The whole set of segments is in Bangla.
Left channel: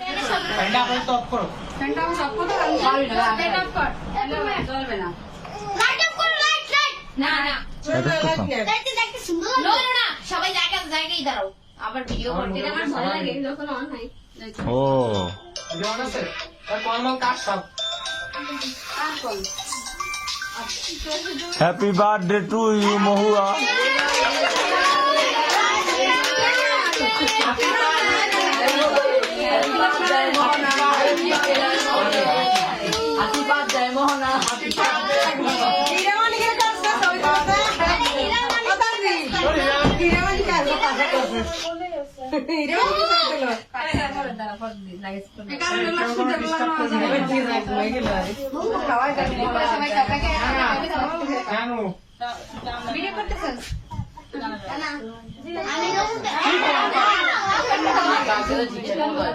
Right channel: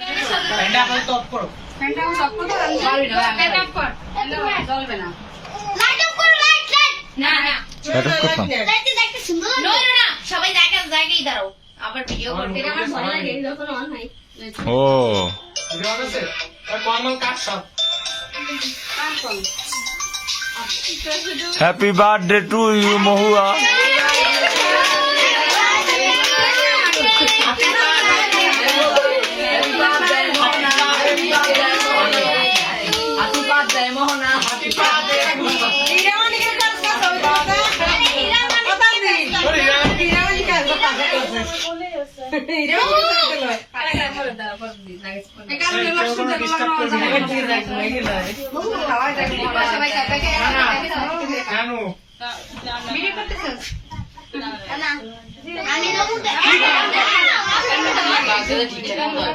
ফ্যানটা আবার তো অফ করো। ফ্যানটা অফ করতে পারবি না, ফ্যান অফ কর। জ্বলবে না। লাইট অফ করো, লাইট লাইট। না না, লাইটে দেখতে সুন্দর নো লাগে। না না, সবাই জায়গায় দাঁড়াও। আবার ভিডিও করতে আমার ভয় লাগে যখন অন হয়। ও ভিডিও আছে আর কমন কাট সব হ্যাপি বার্থডে টু ইউ মহুয়া। জানো ভিডিও করতেছস? না আমি নমুতে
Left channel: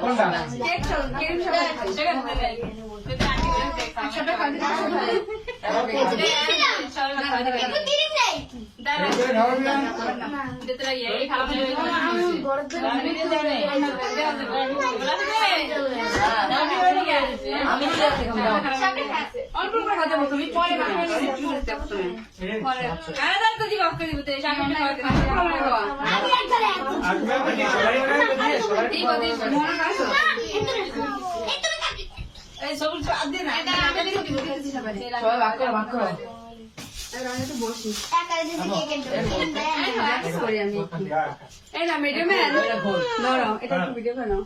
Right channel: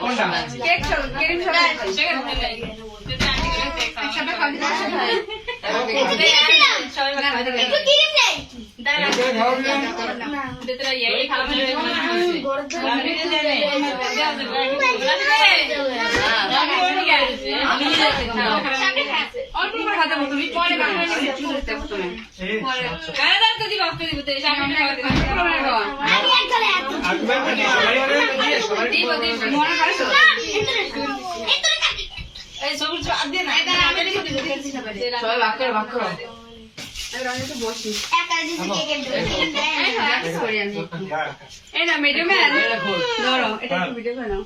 কোনটা কেক সব সবাই খাবে। একটু ক্রিম নেই অল্প করে হাতে মতো পরে আমি একবারে আগবে মানে সবাই ওরে দিয়ে সবাই মনে করে এই না মিডিয়াম্যান ধরো এটা একটু ভিডিও বানাও।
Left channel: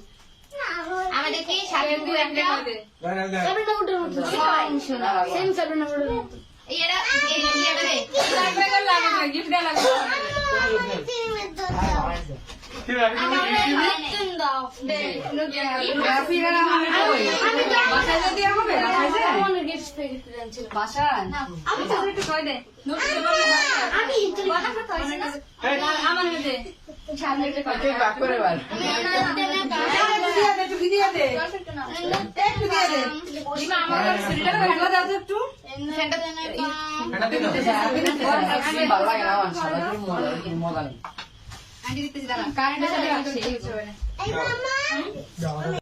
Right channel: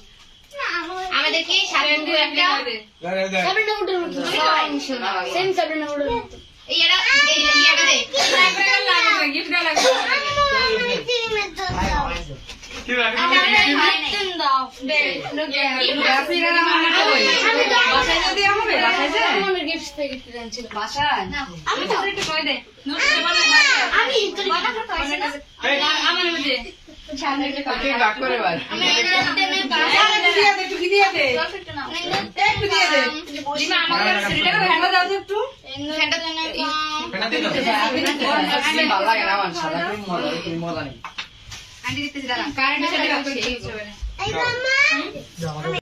আমাদের কি সাবিনা একটা সাবিনা মোটর মতো সেম সাবিনা মোটর মতো এই এরা এই ইয়াটা দে গিফট দেওয়া লাগবে। কি লাগে তিন দাও বাসায় যদি হবে বাসায় যায় আমার গিফট পেয়ে ছিল বাসায় আমি তো একটু কই দে আমি আমার মধ্যে সামনে একটা কেক ডাক করে বার একটু দিয়ে দে একটু দিয়ে দে লিমা আমার সিরিটা করে হ্যান্ডা দাও তো একটু ফ্যানটা দেন এটা দিন ভালো লাগে না আমার সাদা ক্রিম মজা নেই আন্টি দিতেছি দাঁড়া কারেন্টের সাথে রাখছি এই মামা